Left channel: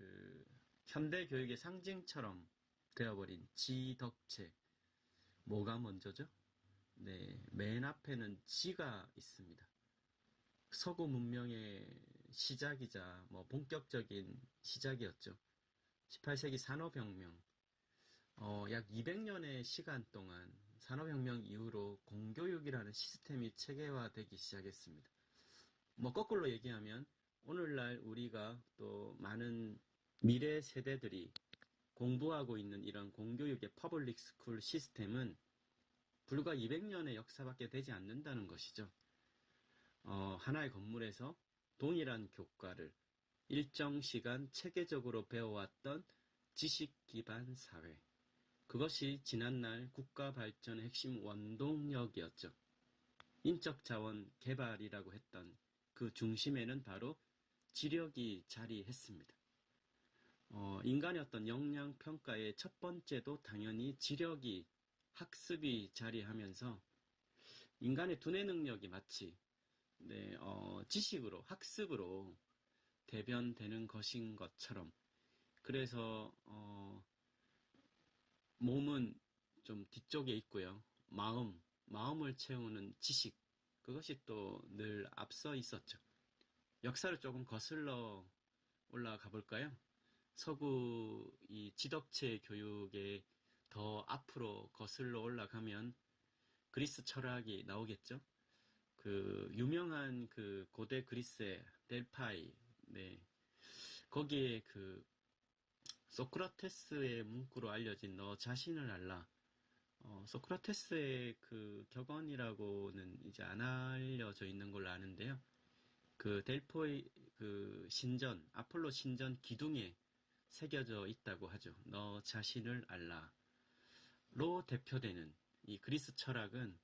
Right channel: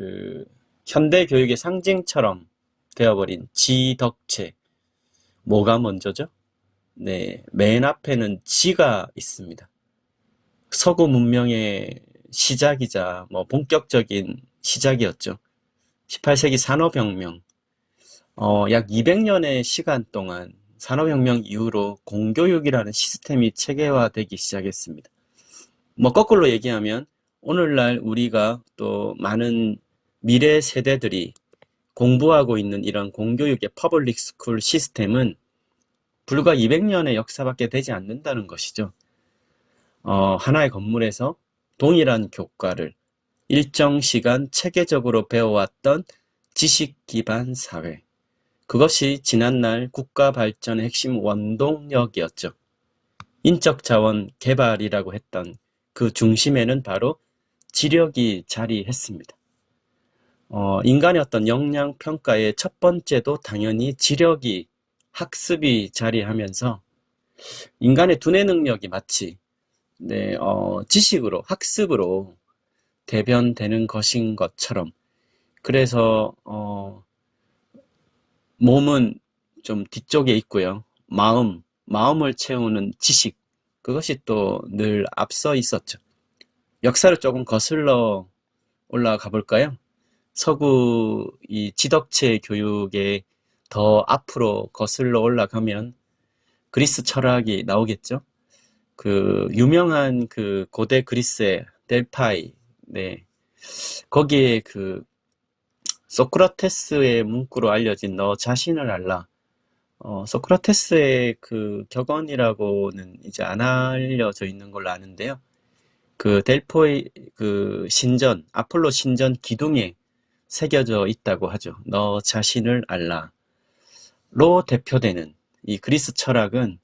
그 현대 교육의 상징처럼 되어버린 지덕체. 뭐가 먼저죠? 네, 맨 앞에는 지가 있습니다. 서구 문명의 시작이자 본격적인 시작이었죠. 18세기 산업혁명, 약 200년의 시간 동안 산업혁명 이후로 공교육이라는 시스템이 체계화되기 시작했습니다. 거꾸로 얘기하면 오늘날 우리가 또 많은 미래 세대들이 공부하고 있는 이런 공교육의 퍼블릭 스쿨 시스템은 불과 200년의 역사밖에 되지 않는다는 것이죠. 하나의 건물에서 동일한 교과를 일정 시간 체계적으로 배워왔던 지식 기반 사회. 그것이 지난날 국가 발전의 핵심 원동력이었죠. 인적 자원 개발이라고 했던 그 중심에는 바로 지력이 자리했습니다. 인간의 어떤 역량 평가의 첫 번째도 당연히 지력이, 학습이 자리하면서 인간의 두뇌 능력이 마치 지식으로, 학습으로 대변되는 것인 것처럼, 그래서 몸은 좀 뒤쪽에 있고요. 마음을 채우는 지식, 그것이 또 늘 앞서 있었죠. 역사를 조금 거슬러 올라가 볼까요? 서구 이 지덕체 교육에 더 앞으로 거슬러 올라가면 그리스 철학이 나오겠죠. 그 유명한 그 고대 그리스의 델파이, 네, 거기에 그 소크라테스의 문구로 알려진 너 자신을 알라. 소크라테스의 그 격언이라고는 이제 안 알려져 있는 걸로 아는데요. 그 델포의 그 신전, 아폴로 신전 기둥에 새겨져 있다고 하죠. 너 자신을 알라로 대표되는 이 그리스 철학은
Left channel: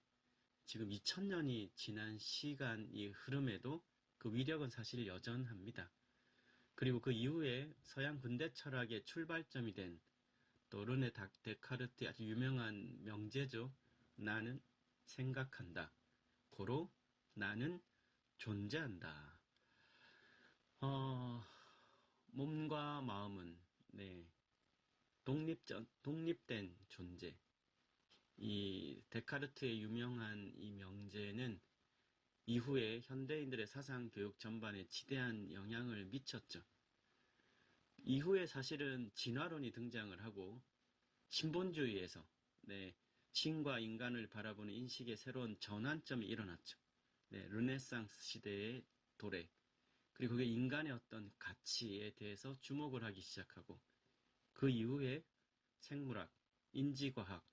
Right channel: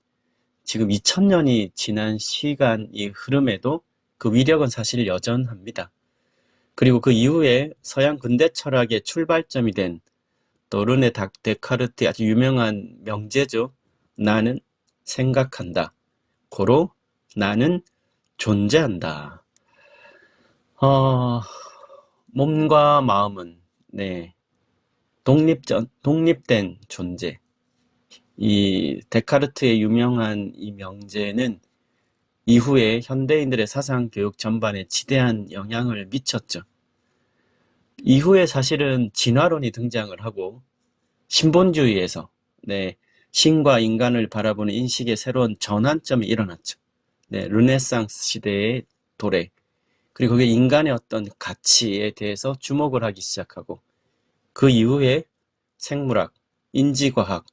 지금 2000년이 지난 시간이 흐름에도 그 위력은 사실 여전합니다. 그리고 그 이후에 서양 근대 철학의 출발점이 된 또 르네 데카르트의 아주 유명한 명제죠. 나는 생각한다. 고로 나는 존재한다. 몸과 마음은 독립된 존재. 이 데카르트의 유명한 이 명제는 이후에 현대인들의 사상 교육 전반에 지대한 영향을 미쳤죠. 이후에 사실은 진화론이 등장을 하고 신본주의에서 신과 인간을 바라보는 인식의 새로운 전환점이 일어났죠. 르네상스 시대의 도래, 그리고 그게 인간의 어떤 가치에 대해서 주목을 하기 시작하고, 그 이후에 생물학, 인지과학,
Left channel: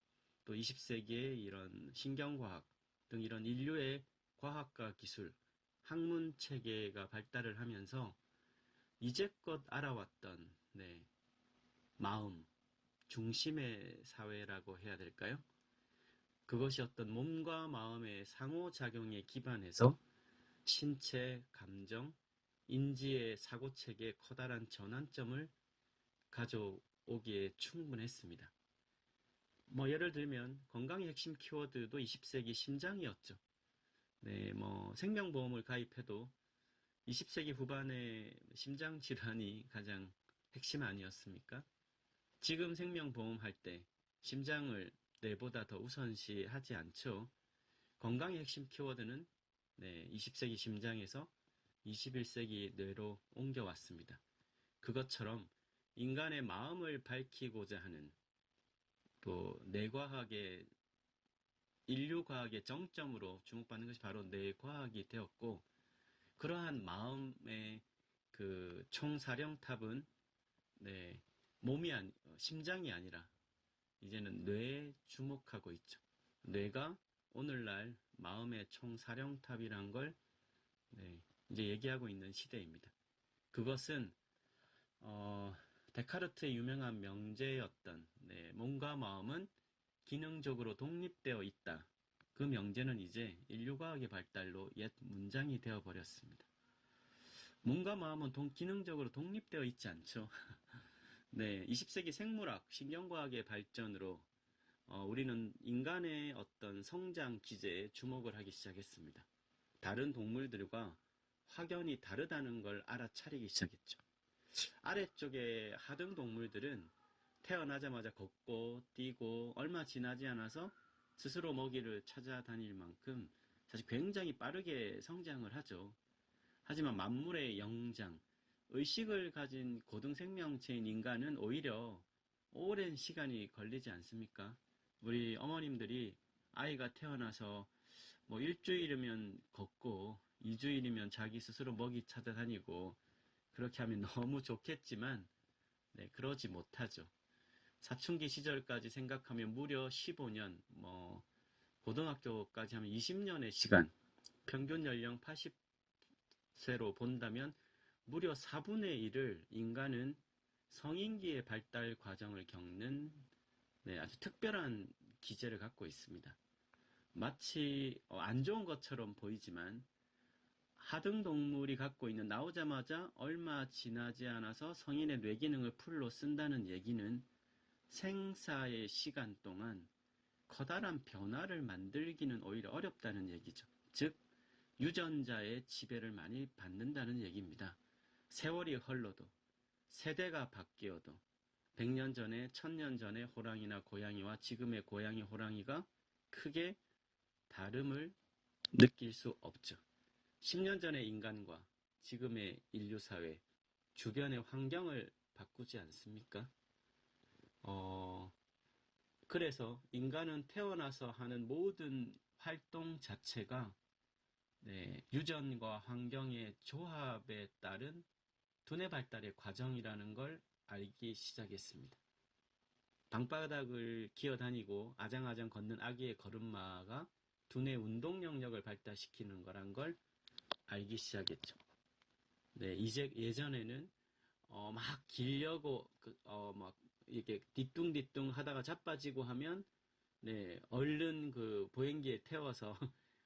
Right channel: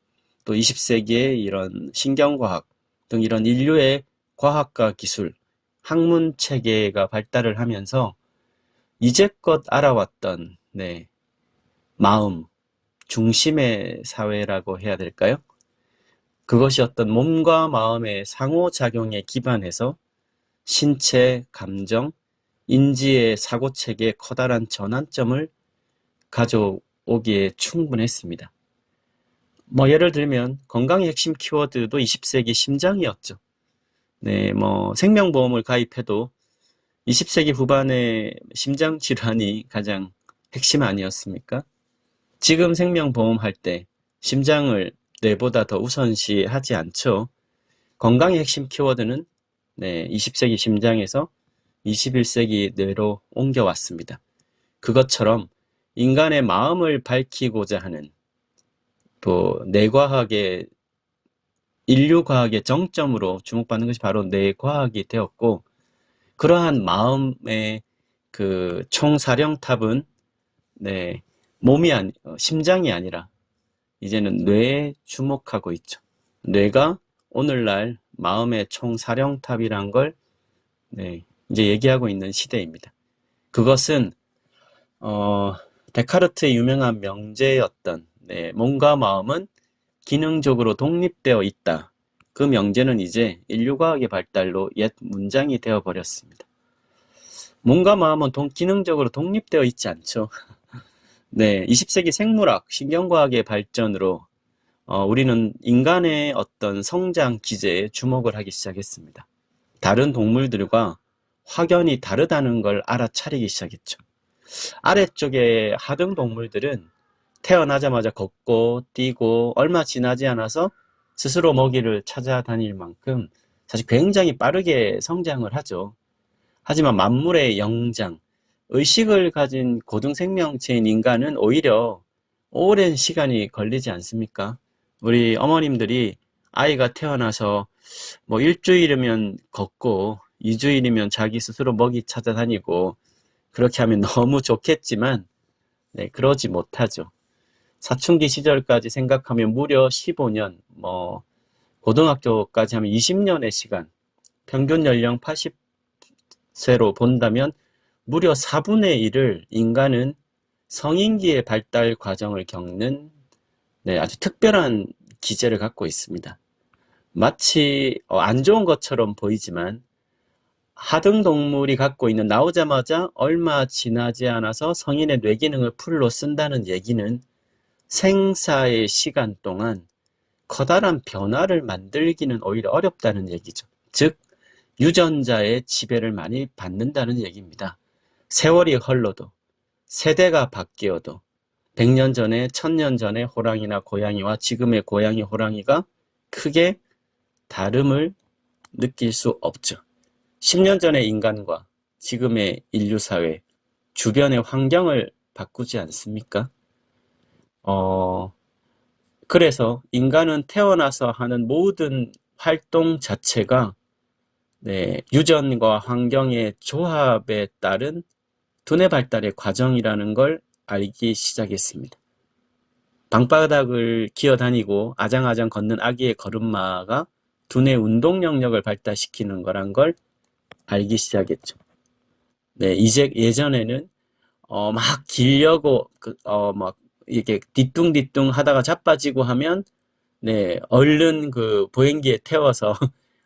또 20세기의 이런 신경과학 등 이런 인류의 과학과 기술, 학문 체계가 발달을 하면서 이제껏 알아왔던 마음 중심의 사회라고 해야 될까요? 그것이 어떤 몸과 마음의 상호작용에 기반해서 신체, 감정, 인지의 사고체계에 커다란 전환점을 가져오기에 충분했습니다. 예를 들면 건강의 핵심 키워드도 20세기 심장이었죠. 생명보험을 가입해도 20세기 후반에 심장질환이 가장 핵심 아니었습니까? 지금 생명보험 할 때 심장을 뇌보다 더 우선시하지 않죠. 건강의 핵심 키워드는 20세기 심장에서 21세기 뇌로 옮겨왔습니다. 그것처럼 인간의 마음을 밝히고자 하는 또 뇌과학의 인류과학의 정점으로 주목받는 것이 바로 뇌과학이 되었고, 그러한 마음의 그 총사령탑은 심장이 아니라 이제는 뇌에 주목하고 있죠. 뇌가 오늘날 마음의 총사령탑이란 걸 이제 얘기하고 있는 시대입니다. 그것은 데카르트의 유명한 명제였던 몸과 마음은 기능적으로 독립되어 있다. 그 명제는 이제 인류과학의 발달로 옛 문장이 되어버렸습니다. 몸과 마음은 기능적으로 독립되어 있지 않죠. 20세기 생물학, 신경과학의 발전으로 우리는 인간의 어떤 성장 기제에 주목을 하기 시작했습니다. 다른 동물들과 확연히 다르다는 걸 알아차리기 시작했죠. 아래쪽에 하등 동물들은 태어나자마자 걷고 뛰고 얼마 지나지 않아서 스스로 먹이를 찾아다닐 만큼 사실 굉장히 빠르게 성장을 하죠. 하지만 만물의 영장, 의식을 가진 고등생명체인 인간은 오히려 오랜 시간이 걸리지 않습니까? 우리 어머님들이 아이가 태어나서 뭐 일주일이면 걷고 2주일이면 자기 스스로 먹이 찾아다니고 그렇게 하면 너무 좋겠지만 네, 그러지 못하죠. 사춘기 시절까지 생각하면 무려 15년, 고등학교까지 하면 20년의 시간, 평균 연령 80세로 본다면 무려 4분의 1을 인간은 성인기의 발달 과정을 겪는 네, 아주 특별한 기제를 갖고 있습니다. 마치 안 좋은 것처럼 보이지만 하등동물이 갖고 있는 나오자마자 얼마 지나지 않아서 성인의 뇌기능을 풀로 쓴다는 얘기는 생사의 시간 동안 커다란 변화를 만들기는 오히려 어렵다는 얘기죠. 즉, 유전자의 지배를 많이 받는다는 얘기입니다. 세월이 흘러도, 세대가 바뀌어도 100년 전에, 1000년 전에 호랑이나 고양이와 지금의 고양이, 호랑이가 크게 다름을 느낄 수 없죠. 10년 전의 인간과 지금의 인류사회, 주변의 환경을 바꾸지 않습니까? 그래서 인간은 태어나서 하는 모든 활동 자체가 네, 유전과 환경의 조합에 따른 두뇌 발달의 과정이라는 걸 알기 시작했습니다. 방바닥을 기어다니고 아장아장 걷는 아기의 걸음마가 두뇌 운동 영역을 발달시키는 거란 걸 알기 시작했죠. 네, 이제 예전에는 막 기려고 막 이렇게 뒤뚱뒤뚱 하다가 자빠지고 하면 네, 얼른 그 보행기에 태워서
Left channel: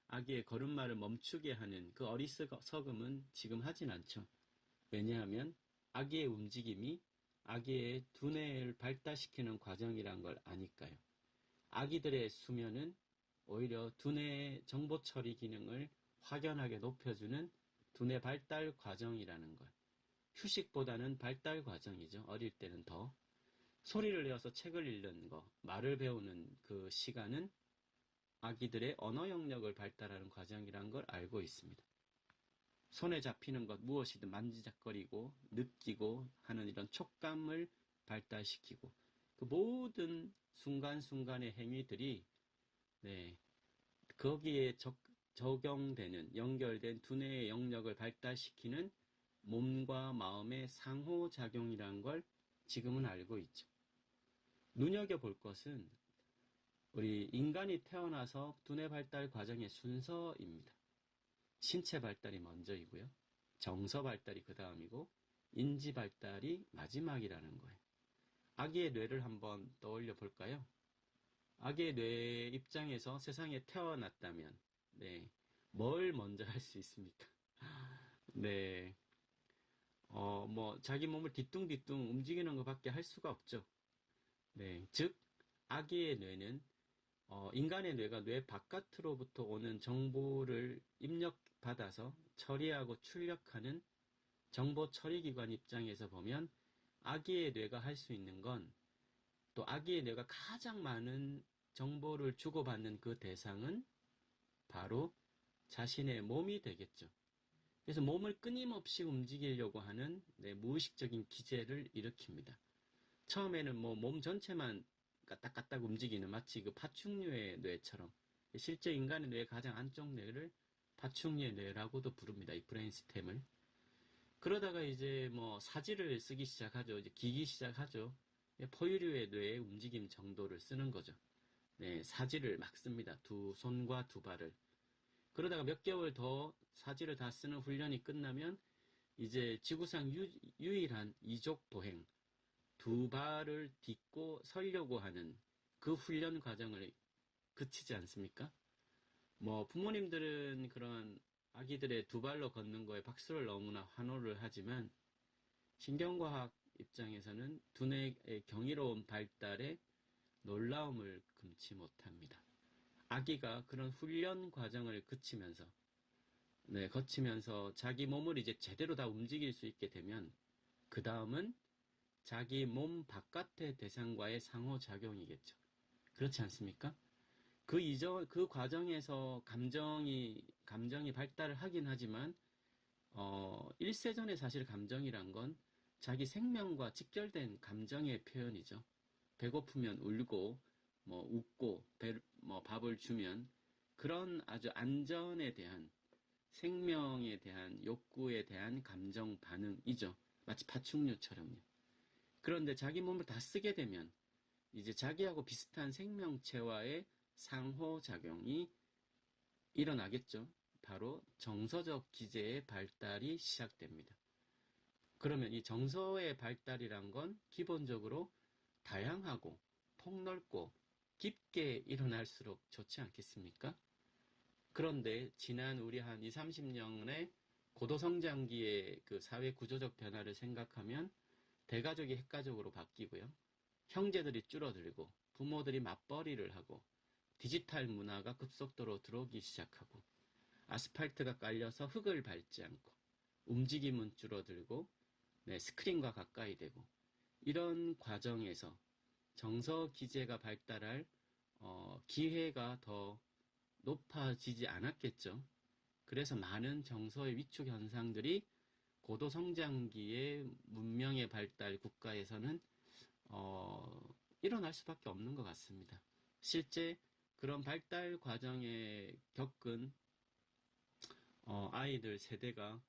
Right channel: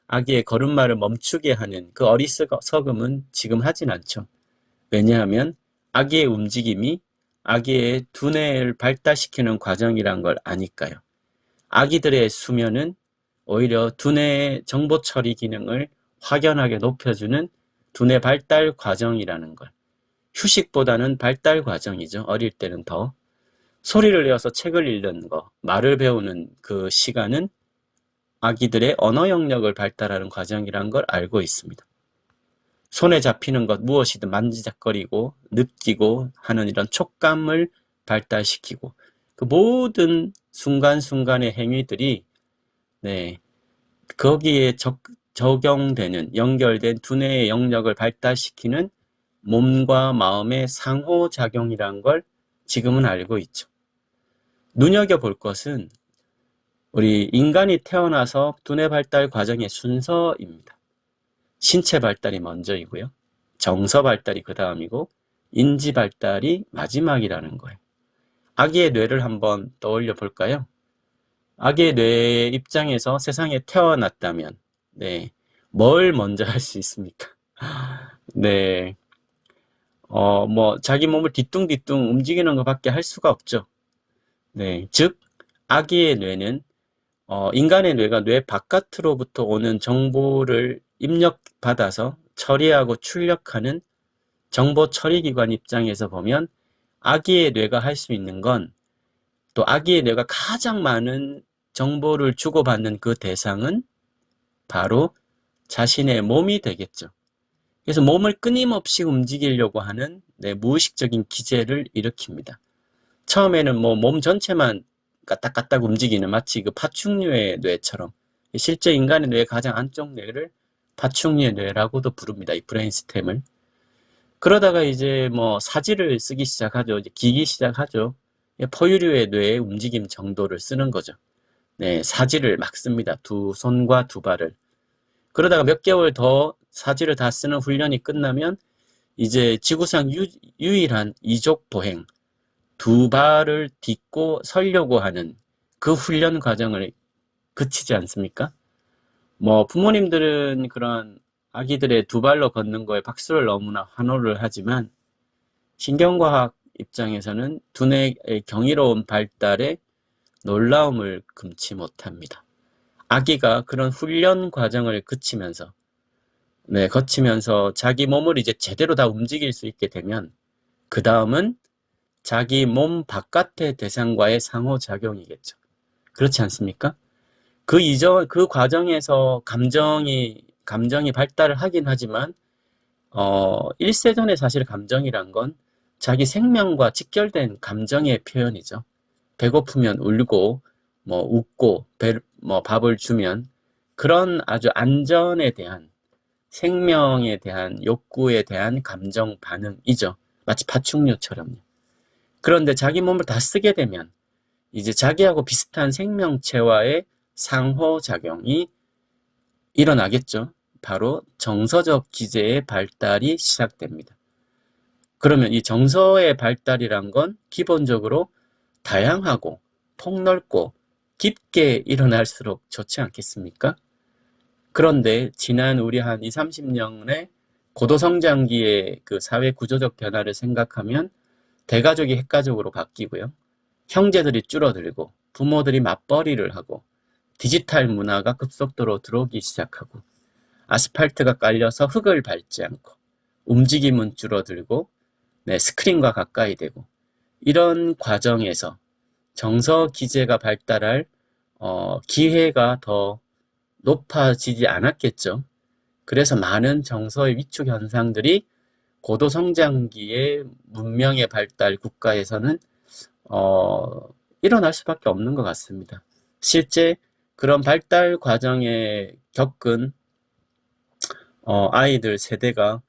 아기의 걸음마를 멈추게 하는 그 어리석음은 지금 하진 않죠. 왜냐하면 아기의 움직임이 아기의 두뇌를 발달시키는 과정이란 걸 아니까요. 아기들의 수면은 오히려 두뇌의 정보 처리 기능을 확연하게 높여주는 두뇌 발달 과정이라는 걸. 휴식보다는 발달 과정이죠. 어릴 때는 더. 소리를 내어서 책을 읽는 거, 말을 배우는 그 시간은 아기들의 언어 영역을 발달하는 과정이란 걸 알고 있습니다. 손에 잡히는 것 무엇이든 만지작거리고 느끼고 하는 이런 촉감을 발달시키고 그 모든 순간순간의 행위들이 네, 거기에 적용되는 연결된 두뇌의 영역을 발달시키는 몸과 마음의 상호작용이란 걸 지금은 알고 있죠. 눈여겨볼 것은 우리 인간이 태어나서 두뇌 발달 과정의 순서입니다. 신체 발달이 먼저이고요. 정서 발달이 그 다음이고 인지 발달이 마지막이라는 거예요. 아기의 뇌를 한번 떠올려 볼까요? 아기의 뇌 입장에서 세상에 태어났다면 네, 뭘 먼저 할 수 있습니까? 네, 자기 몸을 뒤뚱뒤뚱 움직이는 것밖에 할 수가 없죠. 네, 즉 아기의 뇌는 인간의 뇌가 뇌 바깥으로부터 오는 정보를 입력받아서 처리하고 출력하는 정보 처리기관 입장에서 보면 아기의 뇌가 할 수 있는 건 또 아기의 뇌가 가장 많은 정보를 주고받는 그 대상은 바로 자신의 몸이 되겠죠. 그래서 몸을 끊임없이 움직이려고 하는 무의식적인 기제를 일으킵니다. 처음에는 몸 전체만 까딱까딱 움직이는 마치 그 파충류의 뇌처럼 실제 인간의 뇌의 가장 안쪽 뇌를 파충류의 뇌라고도 부릅니다. 이 브레인스템을. 그러다가 이제 사지를 쓰기 시작하죠. 이제 기기 시작하죠. 포유류의 뇌의 움직임 정도를 쓰는 거죠. 네, 사지를 막 씁니다. 두 손과 두 발을. 그러다가 몇 개월 더 사지를 다 쓰는 훈련이 끝나면 이제 지구상 유일한 이족 보행, 두 발을 딛고 서려고 하는 그 훈련 과정을 그치지 않습니까? 부모님들은 그런 아기들의 두 발로 걷는 거에 박수를 너무나 환호를 하지만 신경과학 입장에서는 두뇌의 경이로운 발달에 놀라움을 금치 못합니다. 아기가 그런 훈련 과정을 거치면서 자기 몸을 이제 제대로 다 움직일 수 있게 되면 그 다음은 자기 몸 바깥의 대상과의 상호작용이겠죠. 그렇지 않습니까? 그 과정에서 감정이 발달을 하긴 하지만, 일세전에 사실 감정이란 건 자기 생명과 직결된 감정의 표현이죠. 배고프면 울고, 뭐 웃고, 뭐 밥을 주면 그런 아주 안전에 대한, 생명에 대한 욕구에 대한 감정 반응이죠. 마치 파충류처럼요. 그런데 자기 몸을 다 쓰게 되면 이제 자기하고 비슷한 생명체와의 상호작용이 일어나겠죠. 바로 정서적 기제의 발달이 시작됩니다. 그러면 이 정서의 발달이란 건 기본적으로 다양하고 폭넓고 깊게 일어날수록 좋지 않겠습니까? 그런데 지난 우리 한 20, 30년의 고도성장기의 그 사회 구조적 변화를 생각하면 대가족이 핵가족으로 바뀌고요. 형제들이 줄어들고 부모들이 맞벌이를 하고 디지털 문화가 급속도로 들어오기 시작하고 아스팔트가 깔려서 흙을 밟지 않고 움직임은 줄어들고 스크린과 가까이 되고 이런 과정에서 정서 기제가 발달할 기회가 더 높아지지 않았겠죠. 그래서 많은 정서의 위축 현상들이 고도성장기의 문명의 발달 국가에서는 일어날 수밖에 없는 것 같습니다. 실제 그런 발달 과정에 겪은 아이들 세대가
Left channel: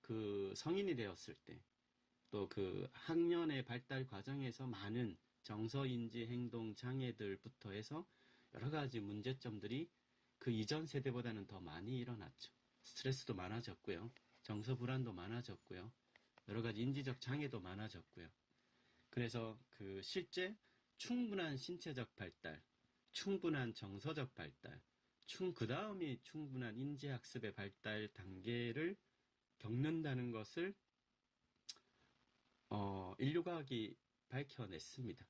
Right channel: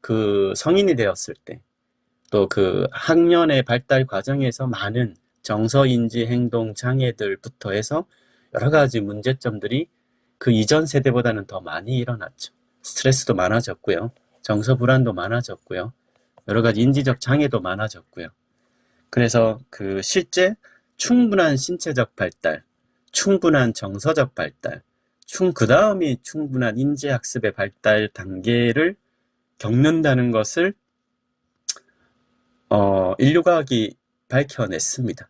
그 성인이 되었을 때, 또 그 학년의 발달 과정에서 많은 정서인지 행동 장애들부터 해서 여러 가지 문제점들이 그 이전 세대보다는 더 많이 일어났죠. 스트레스도 많아졌고요. 정서 불안도 많아졌고요. 여러 가지 인지적 장애도 많아졌고요. 그래서 그 실제 충분한 신체적 발달, 충분한 정서적 발달, 그 다음이 충분한 인지학습의 발달 단계를 겪는다는 것을 인류과학이 밝혀냈습니다.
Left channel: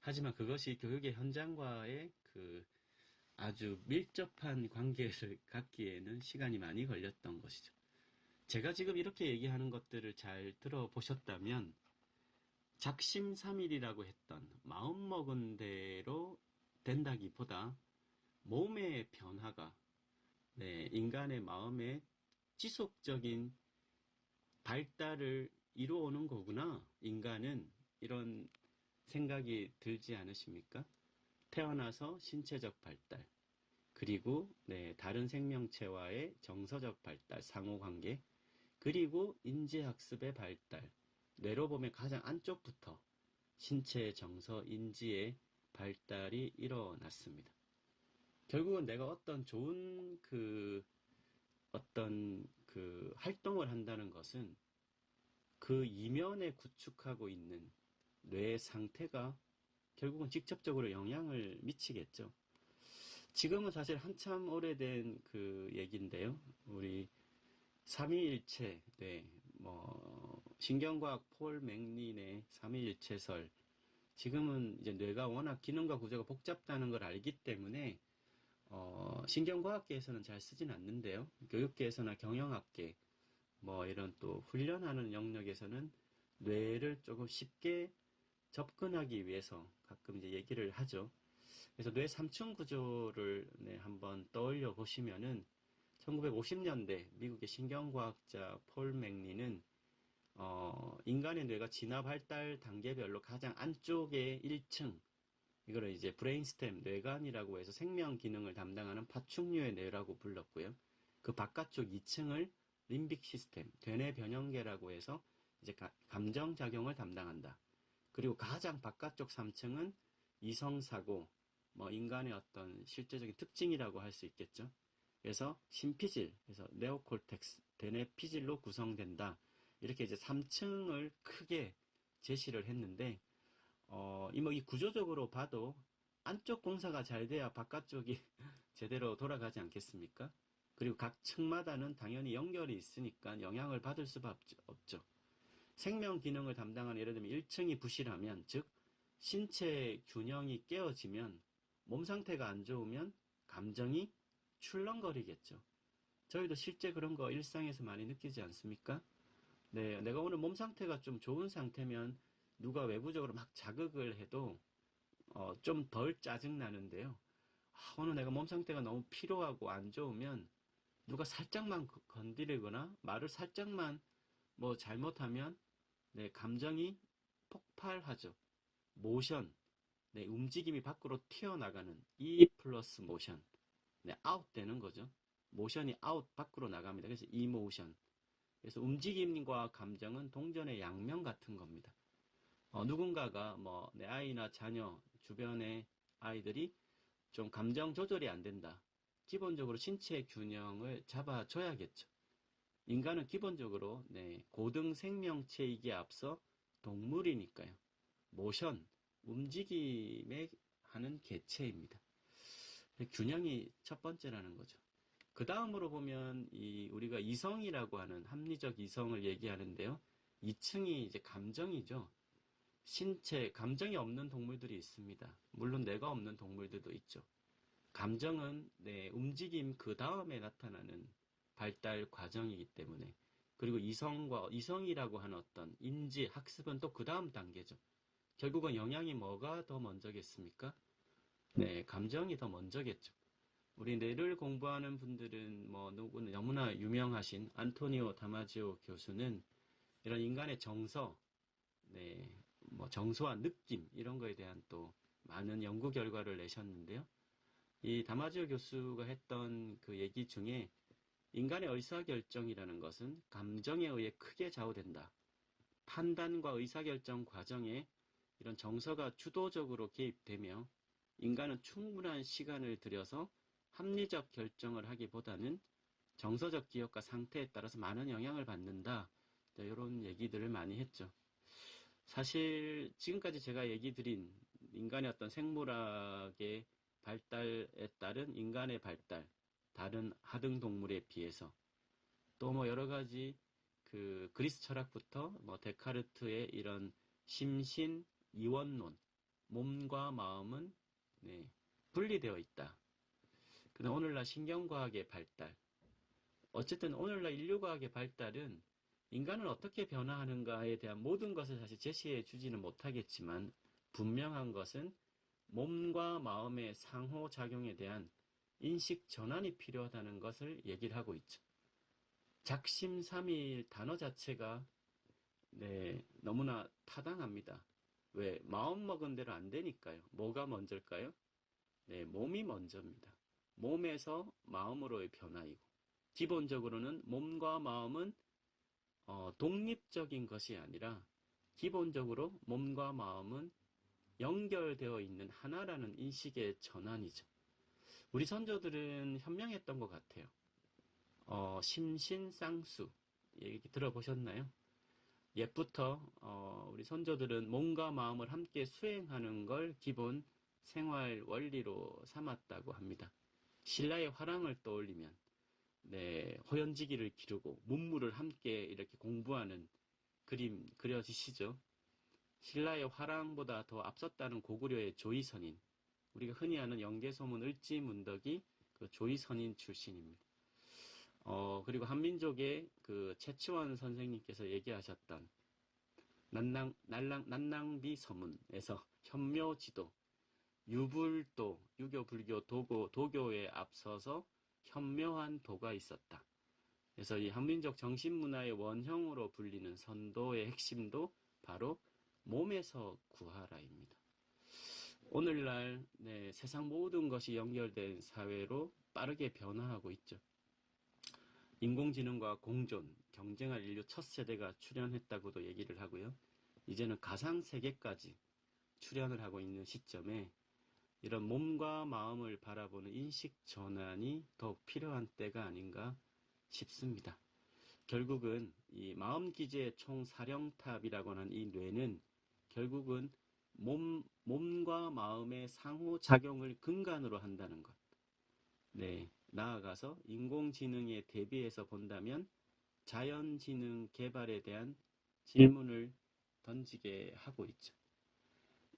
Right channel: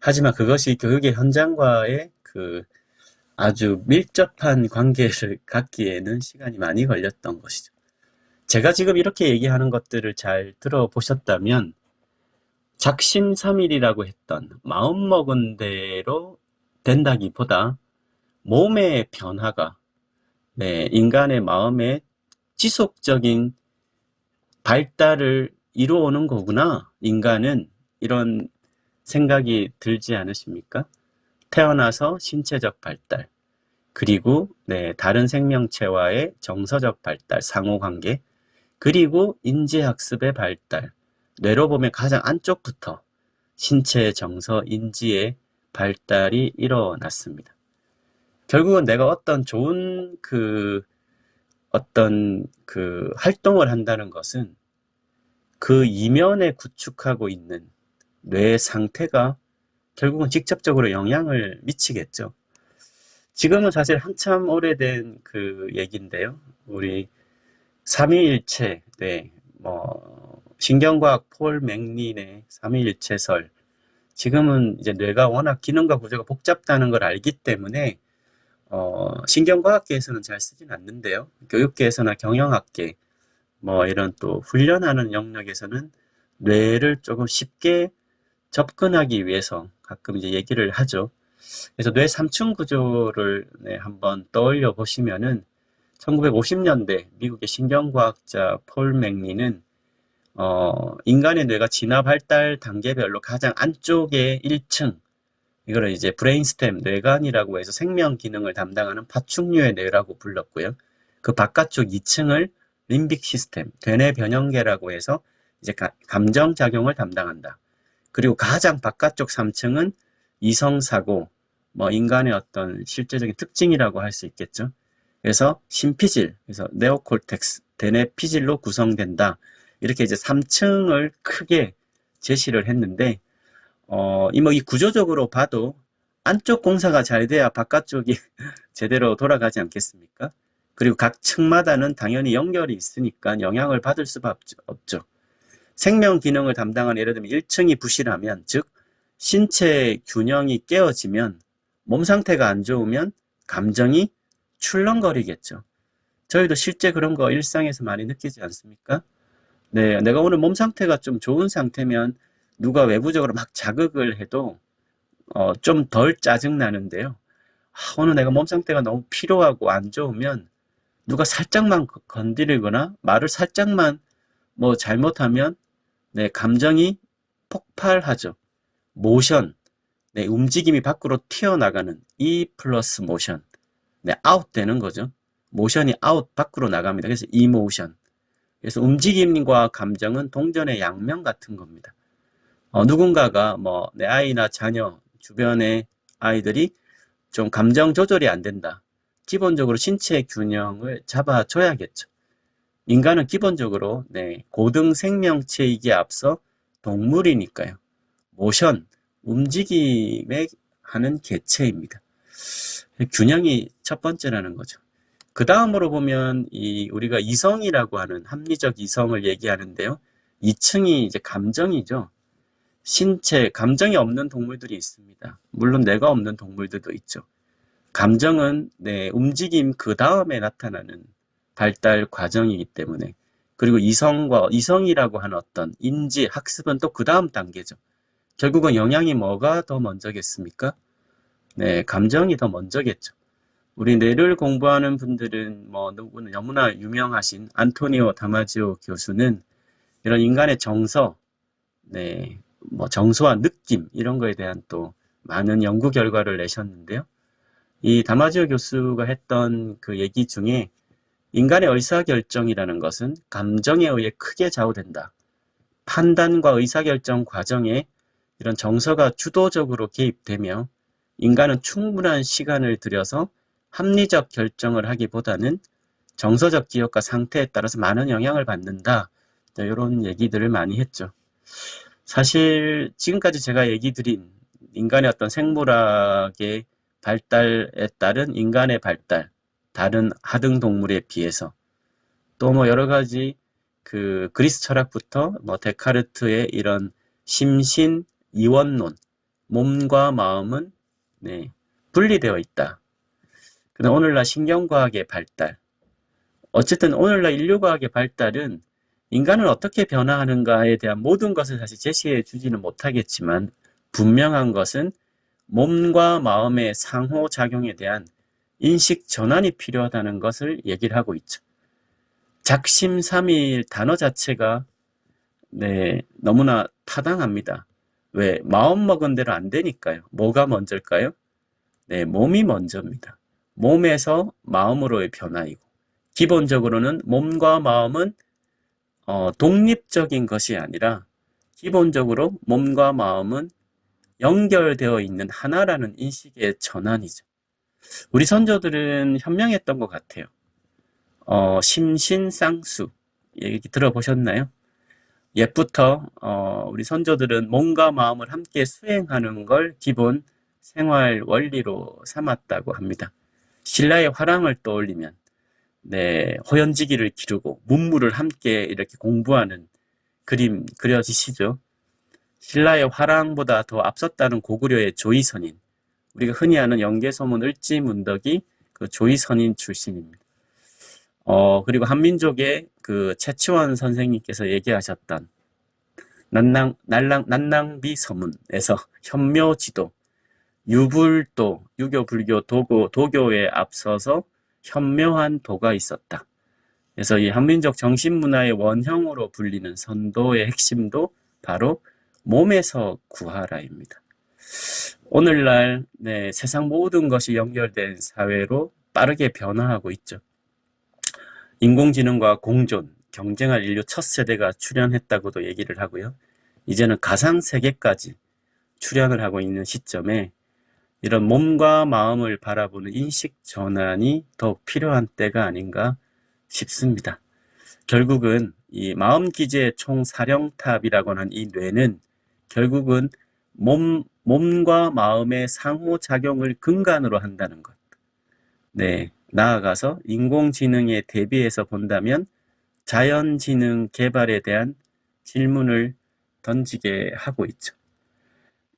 하지만 그것이 교육의 현장과의 그 아주 밀접한 관계를 갖기에는 시간이 많이 걸렸던 것이죠. 제가 지금 이렇게 얘기하는 것들을 잘 들어보셨다면 작심삼일이라고 했던 마음먹은 대로 된다기보다 몸의 변화가 인간의 마음의 지속적인 발달을 이루어오는 거구나. 인간은 이런 생각이 들지 않으십니까? 태어나서 신체적 발달, 그리고 다른 생명체와의 정서적 발달, 상호관계, 그리고 인지학습의 발달, 뇌로 보면 가장 안쪽부터 신체, 정서, 인지의 발달이 일어났습니다. 결국은 내가 어떤 좋은 어떤 활동을 한다는 것은 그 이면에 구축하고 있는 뇌의 상태가 결국은 직접적으로 영향을 미치겠죠. 지금은 사실 한참 오래된 그 얘기인데요. 우리 삼위일체, 신경과학 폴 맥린의 삼위일체설. 지금은 이제 뇌가 워낙 기능과 구조가 복잡다는 걸 알기 때문에 신경과학계에서는 잘 쓰진 않는데요. 교육계에서나 경영학계, 이런 또 훈련하는 영역에서는 뇌를 조금 쉽게 접근하기 위해서 가끔 이제 얘기를 하죠. 그래서 뇌 3층 구조를 한번 떠올려 보시면은 1950년대 미국의 신경과학자 폴 맥린은 인간의 뇌가 진화 발달 단계별로 가장 안쪽에 1층, 이거를 이제 브레인스템, 뇌관이라고 해서 생명 기능을 담당하는 파충류의 뇌라고 불렀고요. 그 바깥쪽 2층을 림빅 시스템, 대뇌 변형계라고 해서 이제 감정 작용을 담당한다. 그리고 가장 바깥쪽 3층은 이성사고, 인간의 어떤 실제적인 특징이라고 할 수 있겠죠. 그래서 심피질, 그래서 네오콜텍스, 대뇌 피질로 구성된다. 이렇게 이제 3층을 크게 제시를 했는데, 이 구조적으로 봐도 안쪽 공사가 잘 돼야 바깥쪽이 제대로 돌아가지 않겠습니까? 그리고 각 층마다는 당연히 연결이 있으니까 영향을 받을 수밖에 없죠. 생명 기능을 담당하는 예를 들면 1층이 부실하면, 즉 신체 균형이 깨어지면, 몸 상태가 안 좋으면 감정이 출렁거리겠죠. 저희도 실제 그런 거 일상에서 많이 느끼지 않습니까? 네, 내가 오늘 몸 상태가 좀 좋은 상태면 누가 외부적으로 막 자극을 해도 좀 덜 짜증 나는데요. 오늘 내가 몸 상태가 너무 피로하고 안 좋으면 누가 살짝만 건드리거나 말을 살짝만 뭐 잘못하면 네, 감정이 폭발하죠. 모션, 네, 움직임이 밖으로 튀어나가는 E 플러스 모션, 네, 아웃 되는 거죠. 모션이 아웃 밖으로 나갑니다. 그래서 이모션. 그래서 움직임과 감정은 동전의 양면 같은 겁니다. 누군가가 뭐 내 아이나 자녀, 주변의 아이들이 좀 감정 조절이 안 된다. 기본적으로 신체 균형을 잡아줘야겠죠. 인간은 기본적으로 네, 고등 생명체이기에 앞서 동물이니까요. 모션, 움직임에 하는 개체입니다. 균형이 첫 번째라는 거죠. 그 다음으로 보면 우리가 이성이라고 하는 합리적 이성을 얘기하는데요. 2층이 이제 감정이죠. 신체, 감정이 없는 동물들이 있습니다. 물론 뇌가 없는 동물들도 있죠. 감정은 네, 움직임 그 다음에 나타나는 발달 과정이기 때문에, 그리고 이성이라고 하는 어떤 인지, 학습은 또 그 다음 단계죠. 결국은 영향이 뭐가 더 먼저겠습니까? 네, 감정이 더 먼저겠죠. 우리 뇌를 공부하는 분들은 뭐 누구는 너무나 유명하신 안토니오 다마지오 교수는 이런 인간의 정서, 네, 뭐 정서와 느낌 이런 거에 대한 또 많은 연구 결과를 내셨는데요. 이 다마지오 교수가 했던 그 얘기 중에 인간의 의사결정이라는 것은 감정에 의해 크게 좌우된다. 판단과 의사결정 과정에 이런 정서가 주도적으로 개입되며 인간은 충분한 시간을 들여서 합리적 결정을 하기보다는 정서적 기억과 상태에 따라서 많은 영향을 받는다. 이런 얘기들을 많이 했죠. 사실 지금까지 제가 얘기 드린 인간의 어떤 생물학의 발달에 따른 인간의 발달, 다른 하등 동물에 비해서 또 뭐 여러 가지 그 그리스 철학부터 뭐 데카르트의 이런 심신 이원론, 몸과 마음은 네, 분리되어 있다. 그다음 오늘날 신경과학의 발달, 어쨌든 오늘날 인류과학의 발달은 인간은 어떻게 변화하는가에 대한 모든 것을 사실 제시해 주지는 못하겠지만 분명한 것은 몸과 마음의 상호작용에 대한 인식 전환이 필요하다는 것을 얘기를 하고 있죠. 작심삼일 단어 자체가 네, 너무나 타당합니다. 왜? 마음 먹은 대로 안 되니까요. 뭐가 먼저일까요? 네, 몸이 먼저입니다. 몸에서 마음으로의 변화이고 기본적으로는 몸과 마음은 독립적인 것이 아니라 기본적으로 몸과 마음은 연결되어 있는 하나라는 인식의 전환이죠. 우리 선조들은 현명했던 것 같아요. 심신쌍수 얘기 들어보셨나요? 옛부터 우리 선조들은 몸과 마음을 함께 수행하는 걸 기본 생활 원리로 삼았다고 합니다. 신라의 화랑을 떠올리면 네, 호연지기를 기르고 문무를 함께 이렇게 공부하는 그림 그려지시죠? 신라의 화랑보다 더 앞섰다는 고구려의 조이선인, 우리가 흔히 아는 영계소문 을지문덕이 그 조이선인 출신입니다. 그리고 한민족의 그 최치원 선생님께서 얘기하셨던 난낭비 서문에서 현묘지도, 유불도, 유교, 불교, 도교에 앞서서 현묘한 도가 있었다. 그래서 이 한민족 정신문화의 원형으로 불리는 선도의 핵심도 바로 몸에서 구하라입니다. 오늘날 네, 세상 모든 것이 연결된 사회로 빠르게 변화하고 있죠. 인공지능과 공존, 경쟁할 인류 첫 세대가 출현했다고도 얘기를 하고요. 이제는 가상세계까지 출현을 하고 있는 시점에 이런 몸과 마음을 바라보는 인식 전환이 더욱 필요한 때가 아닌가 싶습니다. 결국은 이 마음기제의 총사령탑이라고 하는 이 뇌는 결국은 몸과 마음의 상호작용을 근간으로 한다는 것. 네, 나아가서 인공지능에 대비해서 본다면 자연지능 개발에 대한 질문을 던지게 하고 있죠.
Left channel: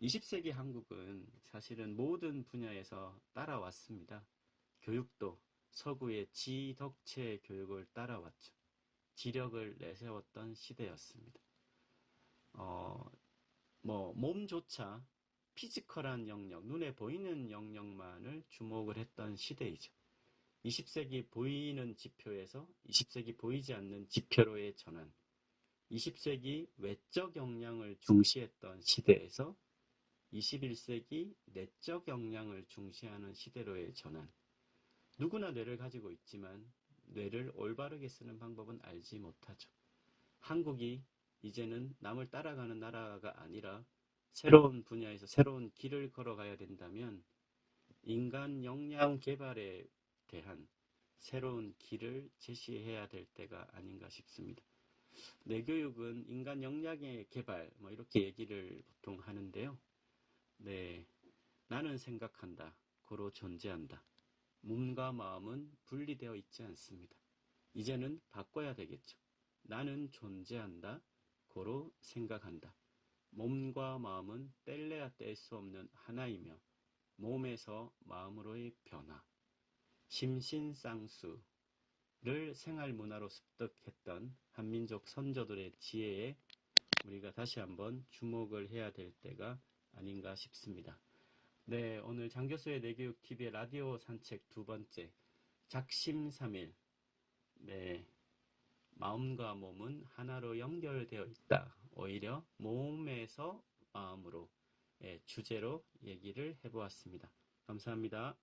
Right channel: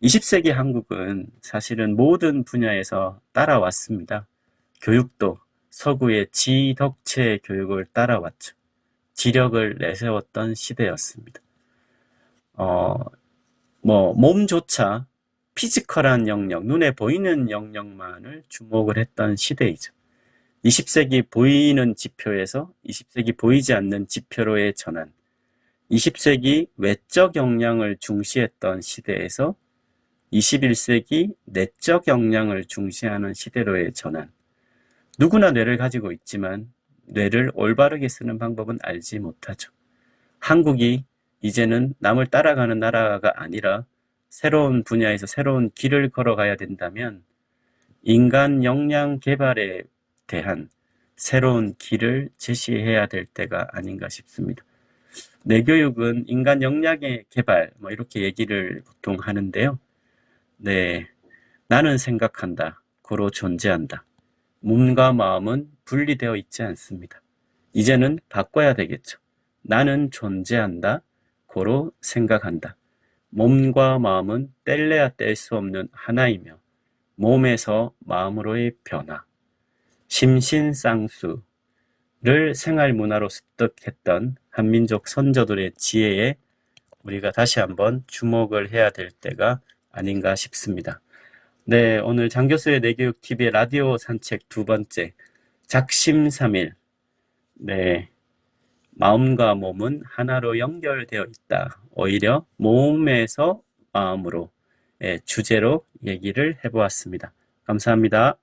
20세기 한국은 사실은 모든 분야에서 따라왔습니다. 교육도 서구의 지덕체 교육을 따라왔죠. 지력을 내세웠던 시대였습니다. 몸조차 피지컬한 영역, 눈에 보이는 영역만을 주목을 했던 시대이죠. 20세기 보이는 지표에서 20세기 보이지 않는 지표로의 전환, 20세기 외적 역량을 중시했던 시대에서 21세기 내적 역량을 중시하는 시대로의 전환. 누구나 뇌를 가지고 있지만 뇌를 올바르게 쓰는 방법은 알지 못하죠. 한국이 이제는 남을 따라가는 나라가 아니라 새로운 분야에서 새로운 길을 걸어가야 된다면 인간 역량 개발에 대한 새로운 길을 제시해야 될 때가 아닌가 싶습니다. 뇌교육은 인간 역량의 개발, 이렇게 얘기를 보통 하는데요. 네, 나는 생각한다, 고로 존재한다. 몸과 마음은 분리되어 있지 않습니다. 이제는 바꿔야 되겠죠. 나는 존재한다, 고로 생각한다. 몸과 마음은 뗄래야 뗄 수 없는 하나이며 몸에서 마음으로의 변화, 심신쌍수를 생활문화로 습득했던 한민족 선조들의 지혜에 우리가 다시 한번 주목을 해야 될 때가 아닌가 싶습니다. 네, 오늘 장교수의 뇌교육TV의 라디오 산책 두 번째, 작심삼일. 네, 마음과 몸은 하나로 연결되어 있다. 오히려 몸에서 마음으로 주제로 얘기를 해보았습니다. 감사합니다.